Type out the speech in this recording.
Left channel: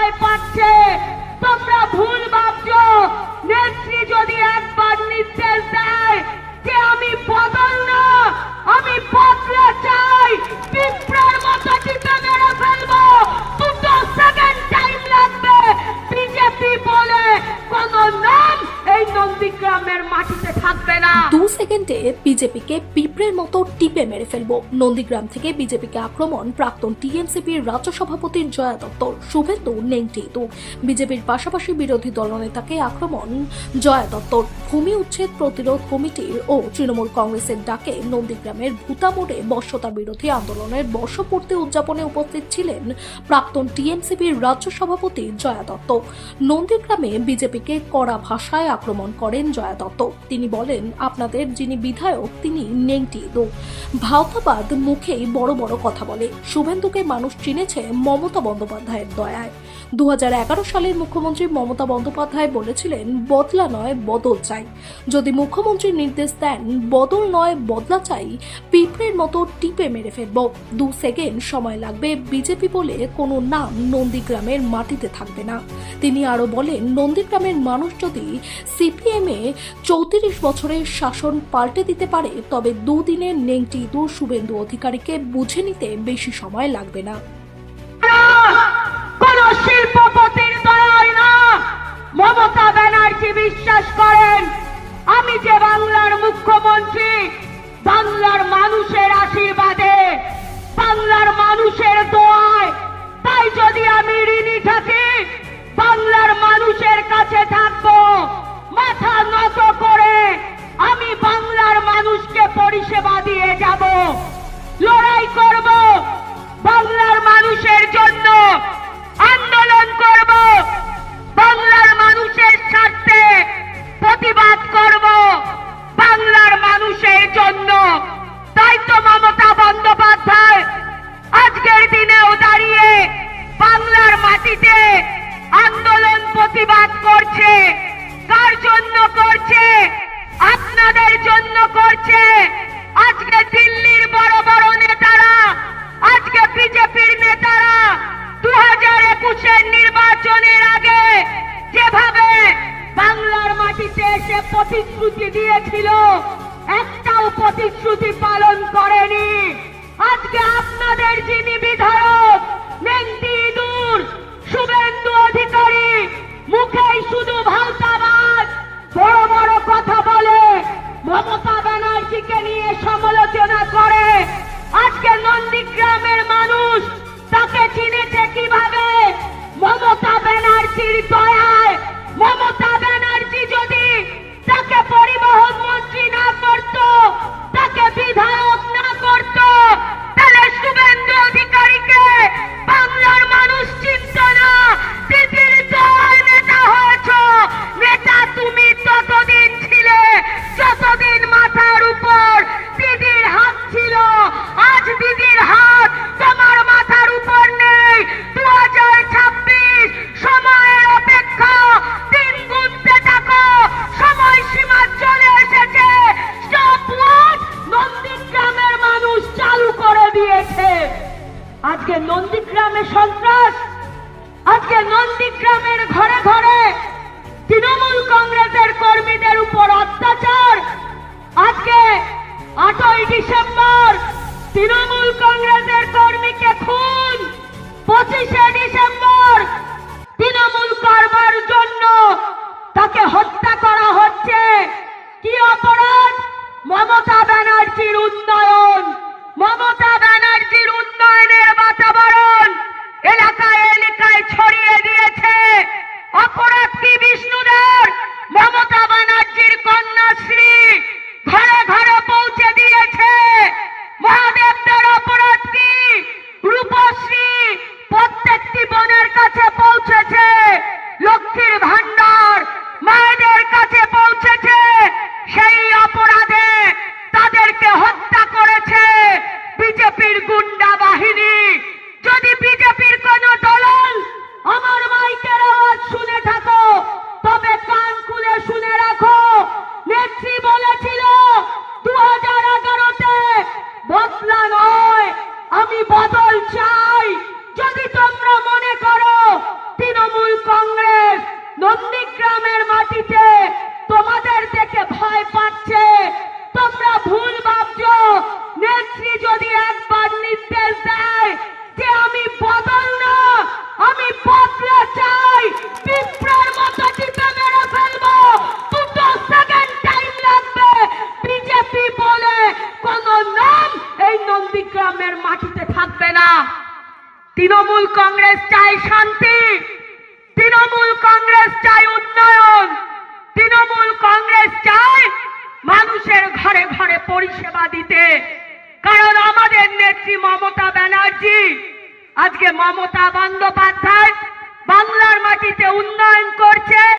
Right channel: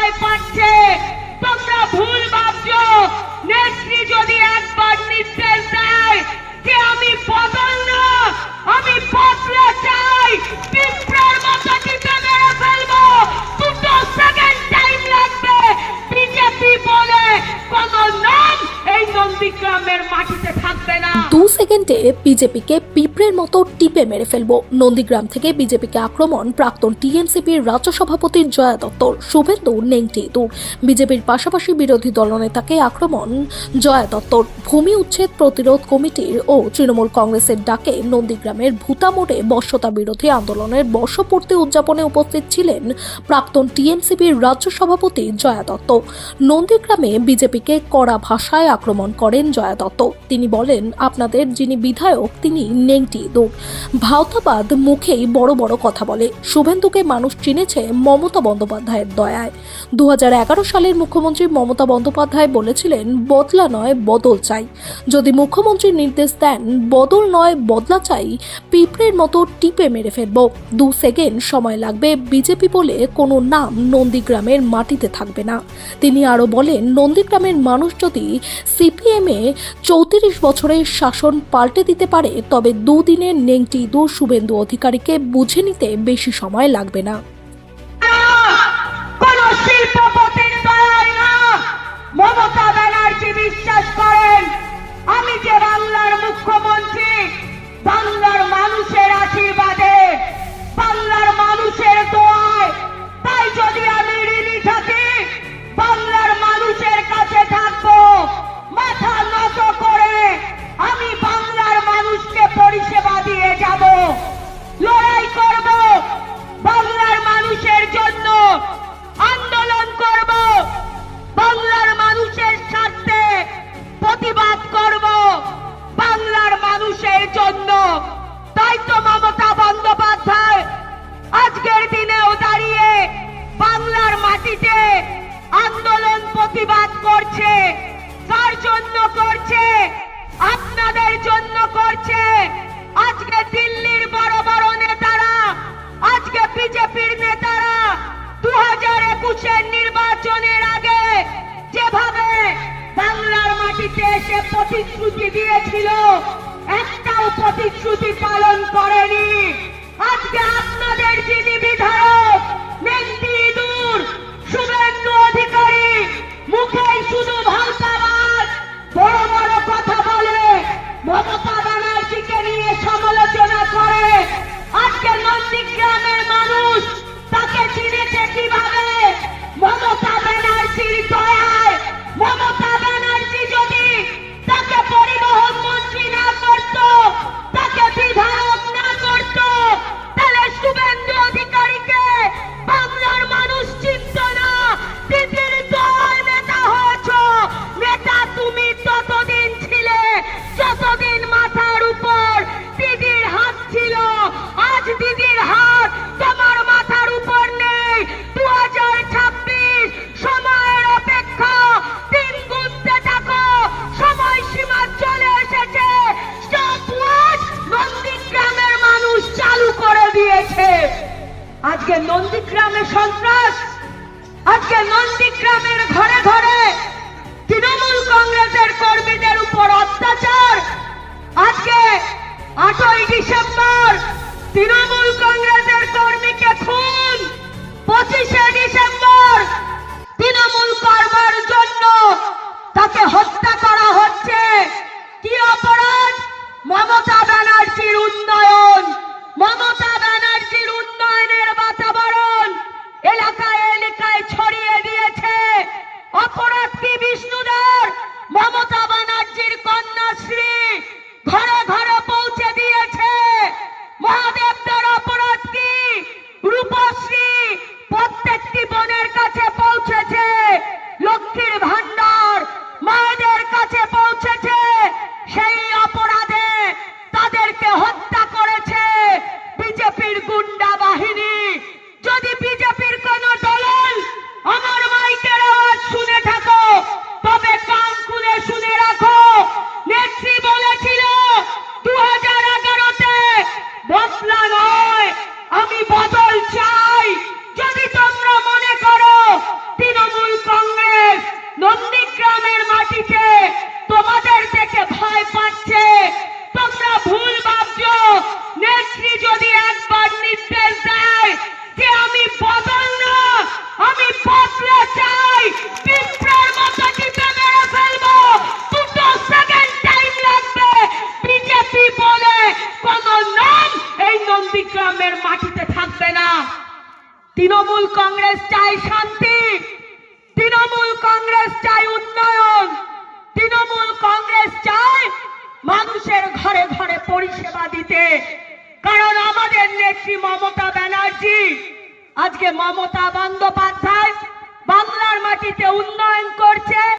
ভয় পাচ্ছে। তোমরা ভুল ভাবছ। নেত্রী যদি একবার নির্দেশ সেকেন্ডে বিজেপিকে পিঁপড়ের মতো টিপে মেরে ফেলব। নন্দীগ্রাম থেকে বিজেপিকে আক্রমণ, প্রাক্তন টিএমসিপির রাজ্য সভাপতির জয়া দত্তর, শুভেন্দু নেংটি দু বিজেপির পাশাপাশি বিরোধী দলনেতাকে আক্রমণ, জয়া দত্তর। ভূমি উচ্ছেদ প্রতিরোধ কমিটির ও তৃণমূল কংগ্রেসের ডাকে নন্দীগ্রামের ভূতা মোড়ে বর্ষতা বিরোধী আন্দোলনের বর্ষপূর্তি উদযাপনে উপস্থিত ছিলেন প্রাক্তন টিএমসিপির রাজ্য সভাপতি জয়া দত্ত। নন্দীগ্রামে বিজেপিকে কড়া ভাষায় আক্রমণ করেন জয়া দত্ত। তিনি বলেন, আপনাদের যিনি বিধায়ক, তিনি নেংটি দো ভাওতাবাদ মুখেই বড় বড় কথা বলে। শুভেন্দুকে মানুষ চিনেছে মমতা বন্দ্যোপাধ্যায়ের দয়ায়। দু সালের মুখ্যমন্ত্রী মমতা বন্দ্যোপাধ্যায় বলেছিলেন, বদলা নয়, বদল চাই। যদি মুখ্যমন্ত্রী নির্দেশ দেন, বদল নয়, বদলা চাই, পিঁপড়ের মতো টিপে মেরে ফেলব। দু সেকেন্ড সময় লাগবে বিজেপি বলে কোনো নাম নন্দীগ্রামের মাটিতে থাকবে না। তিনি আরও বলেন, নন্দীগ্রামের মানুষ যদি সিপিএমে চৌত্রিশ বছরের শাসন পাল্টে দিতে পারে, তবে দুদিনের নেংটি দু শুভেন্দু অধিকারীকে বুঝে নিতে বেশি সময় লাগবে না। মমতা ব্যানার্জি বিশ্বাস করেন, আমি যে বাংলার মুখ্যমন্ত্রী করছে আজকে দিল্লির বড় বড় নেতারা, আজকে বিজেপির নেতারা দু হাজার একুশের নির্বাচনের আগে যেভাবে বাংলার মাটিতে এসে প্রতিশ্রুতি দিয়েছিল, একটাও প্রতিশ্রুতি পালন করেনি। আজকে আপনাদের যিনি বিধায়ক মানুষ তাকে চিনেছে কীভাবে? মমতা ব্যানার্জির দয়ায়। মমতা আজকে নন্দীগ্রামে সন্ত্রাস, আজকে নন্দীগ্রামের ঘরে ঘরে তৃণমূল কংগ্রেসের কর্মীদের উপর অত্যাচার। আজকে আটই ডিসেম্বর তৃণমূল কংগ্রেসের কর্মীকে খুন, পঁচিশে ডিসেম্বর ভান্ডার মায়েদের কাছে পৌঁছেছে। সেই অপরাধে তাদেরকে হত্যা করেছে বিজেপির গুন্ডা বাহিনী। যদি বিজেপির কোন দলন আমার মাইকের আওয়াজ শুনে থাকো, তবে কান খুলে শুনে রাখো। নেত্রী বলেছিল দু হাজার এগারোতে বদলা নয়, আমি বদল ভয় পাচ্ছে তোমরা ভুল ভাবছ। নেত্রী যদি একবার নির্দেশ দেয় যে আমি বদল না, আমি বদলা চাই এই নন্দীগ্রামের মাটিতে থাকবে না। তৃণমূল কংগ্রেস চাই শান্তি, তৃণমূল কংগ্রেস চাই উন্নয়ন। তৃণমূল কংগ্রেস চায় মানুষের ঘরে ঘরে পরিষেবা দিতে। কারণ আমাদের নেত্রী মমতা ব্যানার্জি, আজকে মমতা বন্দ্যোপাধ্যায় বাংলার মাটিতে উন্নয়ন করছে।